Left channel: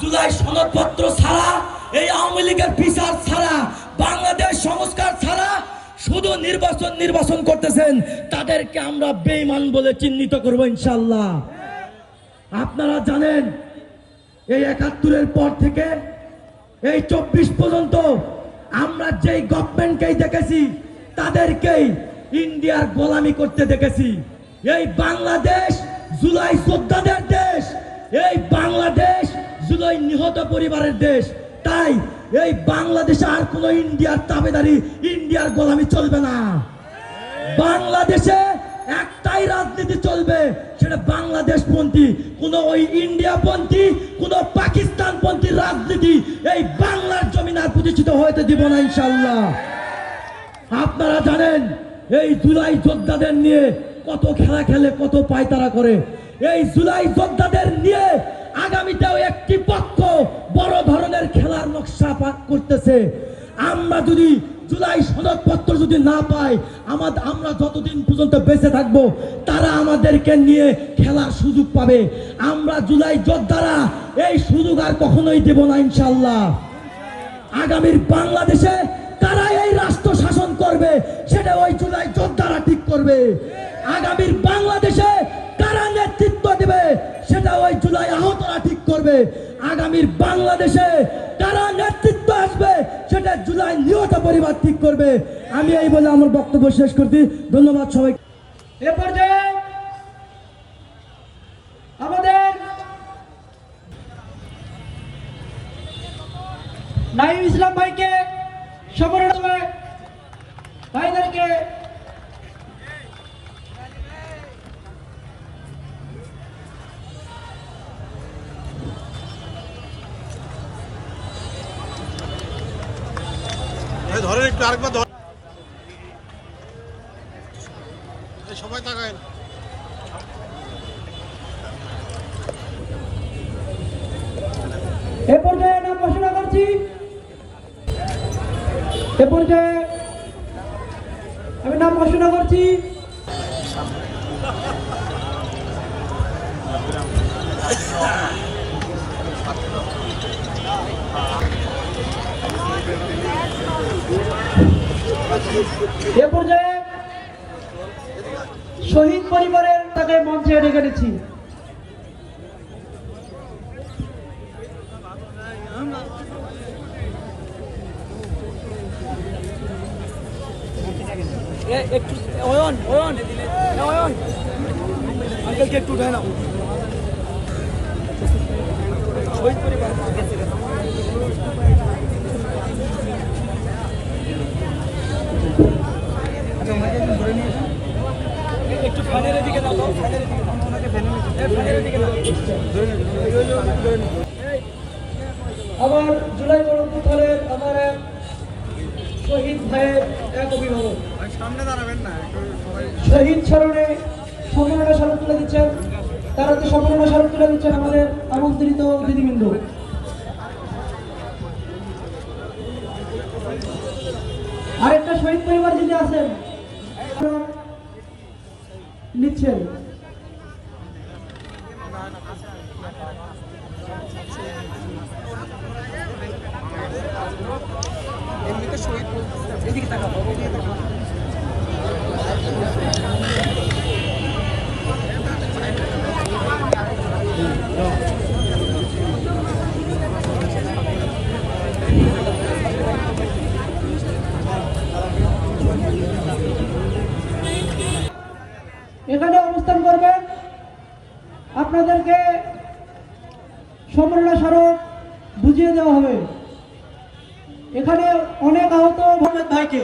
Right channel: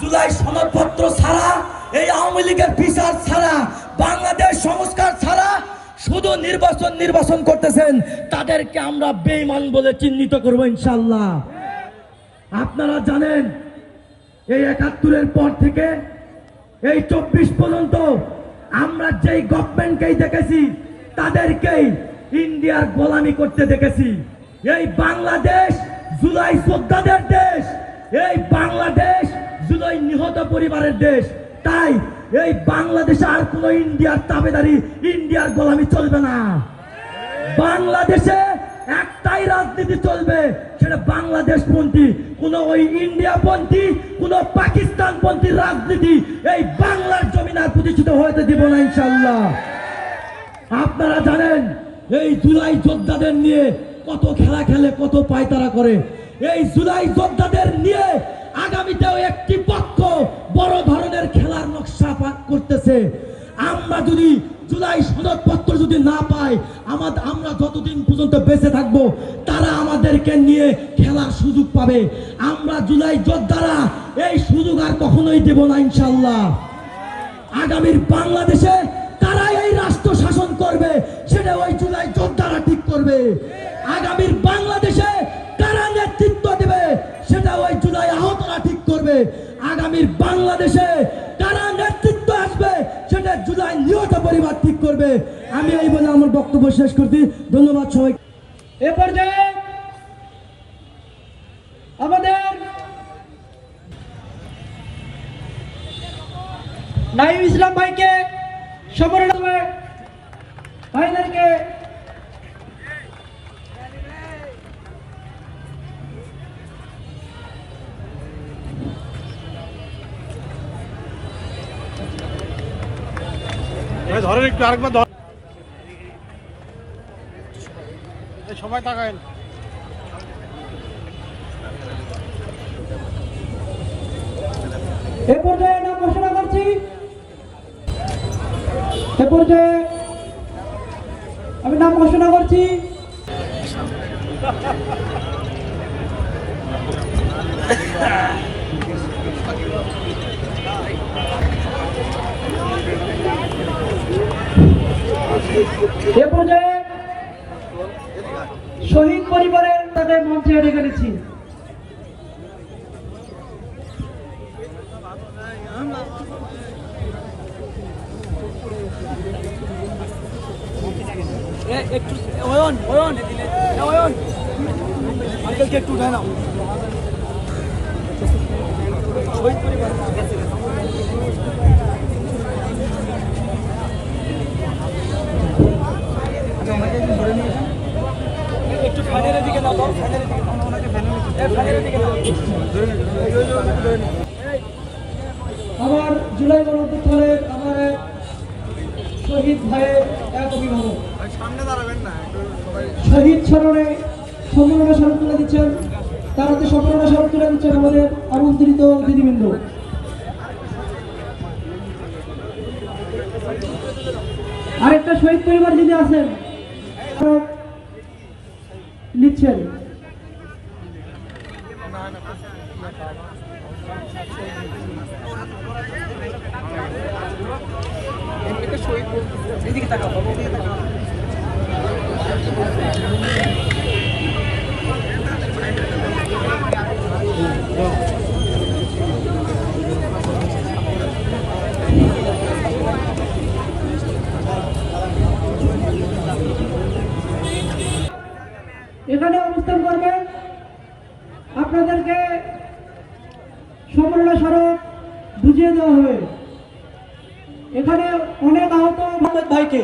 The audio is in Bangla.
জুলাই সনদপত্র ছাড়া, এই আওয়ামী লীগের বিচার ছাড়া, বাংলাদেশ সংস্কার ছাড়া শুধু নির্বাচন নির্বাচন করতেছেন, তাদেরকে আমরা বেঈমান বলে চিহ্নিত করব ইনশাল্লাহ আপনারা জানেন, এই একাত্তরের পর থেকে এই চব্বিশ পর্যন্ত আমরা যেই গভর্নমেন্টকেই দেখেছি, তাদেরকেই ইন্ডিয়ার গোলামি করতে দেখেছি। এই বাংলাদেশ জুলাই যোদ্ধাদের দেশ, এই বাংলাদেশ জুলাই নিহত পরিবারের দেশ। তাই এই বাংলাদেশে আর কোন ইন্ডিয়ার তাবেদারি, ইন্ডিয়ার গোলামি চলবে না। বাংলাদেশে একটাই রাজনীতি চলবে, সেটা বাংলাদেশ পন্থী কোন ওই ইন্ডিয়া পন্থী কোন পাকিস্তান পন্থী রাজনীতি এই বাংলার জমিন আর প্রতিষ্ঠিত হতে দিব না ইনশাল্লাহ আপনারা জানেন, এই জুলাই যোদ্ধাদের নিয়ে কত খেলা খেলে, কত পায়তারা করে। এই জুলাই যোদ্ধাদের নিয়ে আমরা যদি জুলাই সনদপত্র যদি না পাই আমাদের আমরা যতদিন পর্যন্ত বেঁচে থাকব, তারা আমাদেরকে নিয়ে খেলার সুযোগ পাবে। আমরা জুলাই যোদ্ধারা এই সুযোগ আর কখনোই দেব না ইনশাল্লাহ আগামীর বাংলাদেশে কারা এই রাষ্ট্র শাসন করবে, সেটা ওই জুলাই যোদ্ধারা ঠিক করবে। আগামীর বাংলাদেশে কারা নেতৃত্ব দেবে, সেটা ওই জুলাই আহতরা ঠিক করবে। আগামীর বাংলাদেশে করবে। আমি এই বলে আমার বক্তব্য শেষ করছি। ধন্যবাদ সবাই। এ পর্যায়ে আমাদের নাইম ইসলাম ভাইকে সমরণ ভাইদেরকে ধরেন, একটু আরেকবার সবাই তাকায় এ পর্যায়ে নাম ঘোষণা করছি, এ পর্যায়ে আমি নাম ঘোষণা করছি। এ পর্যায়ে শহীদ পরিবারের তাকে মঞ্চে ডেকে নিচ্ছি। একটু নাও। শহীদ পরিবার। আমার জুলাই গণপুত্রের আমার এক শহীদ ভাইয়ের এক অভিভাবক। শহীদ স্মরণে সম্মাননা স্মরণ তুলে দিচ্ছেন, তার হাতে সম্মাননা স্মরণ তুলে দিচ্ছেন আমাদের আমন্ত্রিত দিদিবৃন্দ আরেকটা শহীদ পরিবার যদি আছেন নিচ্ছেন। এখানে অবস্থান করবেন। আপনাদেরকে সম্মাননা স্মারক বুঝিয়ে দেওয়া হবে। এখানে অনেক আহত মোহাম্মদ ভাইকে